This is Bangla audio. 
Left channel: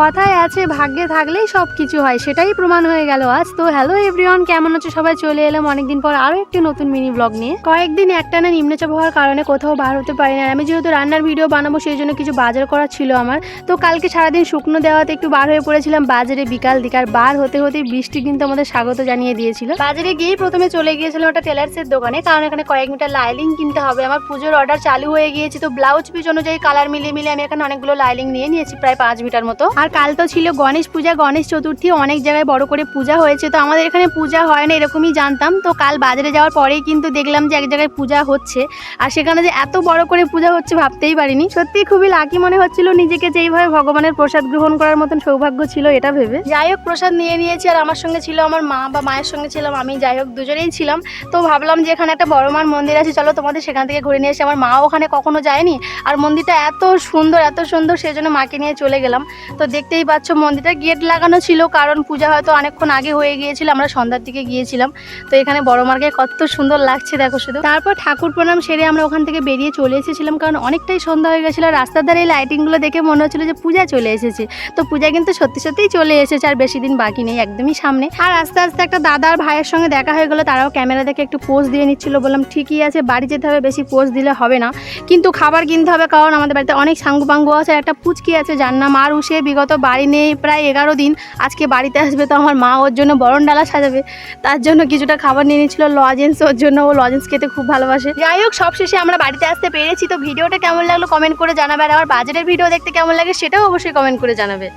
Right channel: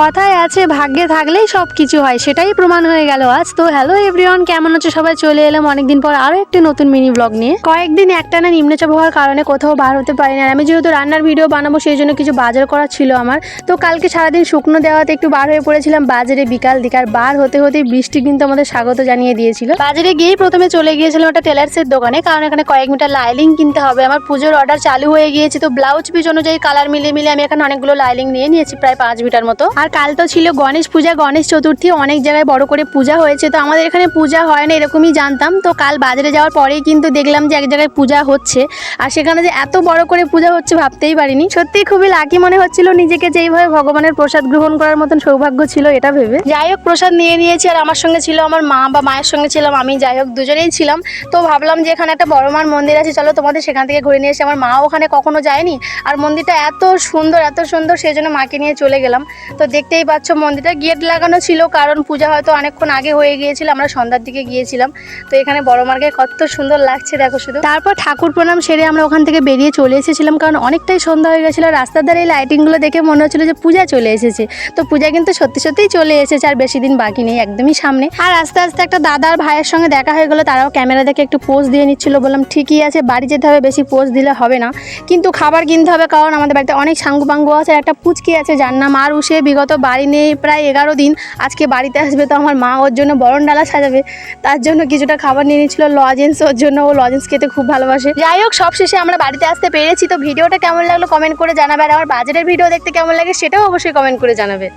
কথায় আছে ভাগ্যে থাকলেই সব কিছু হয়, সেটাই প্রমাণ হয়ে গেল আজ। তো হ্যালো এভরিওয়ান, কেমন আছো সবাই? চলে এলাম অনেকদিন পর আরো একটি নতুন মিনি ব্লগ নিয়ে। কয়েকদিন একটানা নিম্নচাপ হওয়ার কারণে কোথাও বার হতে পারি না। আমি যেহেতু রান্নার ভিডিও বানাবো সেই জন্য কিছু বাজার করা ছিল আমার। তো কালকে সারাদিন শুকনো দেওয়াতে একটু বার হয়ে পড়েছিলাম বাজারে বিকাল দিকে। আর বার হতে হতেই বৃষ্টি কিন্তু আমাদের স্বাগত জানিয়ে দিয়েছিল। বাজারে গিয়েই প্রথমে চলে গিয়েছিলাম একটা টেলার্সের দোকানে, কারণ এখানে কয়েক মিটার লাইলিং কিনতে হবে। আমার পুজোর অর্ডার চালু হয়ে গিয়েছে, তো ব্লাউজ পিস অনুযায়ী কালার মিলিয়ে আমি এখানে অনেকগুলো লাইলিং নিয়ে নিয়েছি, প্রায় 5 মিটার মতো। আর কাল তো ছিল গণেশ পূজা, গণেশ চতুর্থী, অনেক জায়গায় বড় করে পূজা হয়েছে। তো আমাদের এখানে পূজা হয় না এরকমই জানতাম। তো কাল বাজারে যাওয়ার পরেই কিন্তু দেখলাম যে এক জায়গায় পূজা হচ্ছে, আর সেখানে যে এত বড় করে পূজা হচ্ছে ভাবতেই পারিনি। সত্যি খুবই লাকি মনে হচ্ছিল নিজেকে, যে এইভাবে ভগবানের প্রসাদ গ্রহণ করার মতন সৌভাগ্য ছিল এটা ভেবে। যাই হোক, প্রসাদ নিয়ে নিয়েছি, আর আমার সঙ্গে ছিল আমার মা বা মায়ের সঙ্গে ছিলাম আমি, যাই হোক দুজনেই ছিলাম। তো ভাবলাম যে এখানে একটা বড় মার মন্দির আছে, চলো তোমাদের সেখান থেকে ঘুরে নিয়ে এসে। আমার মাও ওখানে কখনো যায়নি, আর মন্দিরটা এত সুন্দর সেই জন্য মাকে নিয়ে চলে গেলাম। তো দেখতেই পাচ্ছ মন্দিরটা গেট লাগানো ছিল, কারণ পূজা হয়তো অনেকক্ষণ আগে হয়ে গিয়েছিল, আমরা সন্ধ্যার দিকে গিয়েছিলাম। তো এখানে বড় মার্কে কত সুন্দর লাগছে দেখো শুধু। তারপর ঠাকুর প্রণাম সেরে আমরা ওখান থেকে বেরিয়ে চলে এসেছিলাম, কারণ অনেকটাই সন্ধ্যা হয়ে গেছিলো। রাস্তার ধারে এই লাইটিংগুলো দেখে মনে হচ্ছিল যে পূজা চলে এসেছে। তো পূজা কিন্তু সত্যিই চলে এসেছে, আর বেশি দিন বাকি নেই, একদমই সামনে। আর আস্তে আস্তে একটা দাদার ভাইয়ের সঙ্গে দেখা হয়ে গেলো, তারাও ক্যামেরা দেখে একটু পোজ দিয়ে নিচ্ছিল। বললাম ঠিকই আছে, বাড়ি যেতে হবে, বেশি পোজ দিলে হবে না, কিন্তু খাবার কিনতে হবে, কারণ আমাদের বাড়িতে অনেক সাঙ্গু পাঙ্গু আছে। একটা পুচকি আছে যার নাম আর উষে, বিগত বাড়ি নেই প্রায় 11 দিন, আজকে বাড়িতে আসবে। তো আমার মা ওর জন্য বরণ ডালা সাজাবে, তার জন্য কিছুটা খাবার নিয়ে নিচ্ছিল, লজেন্স ওর জন্য, ও লজেন্স খেতে খুব ভালোবাসে। যাই হোক, সবশেষে আমরা বাড়িতে আসতে পেরেছি। তো ভিডিওটা কেমন লাগলো কমেন্ট করে জানাবে, আর আমার বাজারের ভিডিও দেখতে কেমন লাগে সেটাও অবশ্যই কমেন্ট করে জানাবে।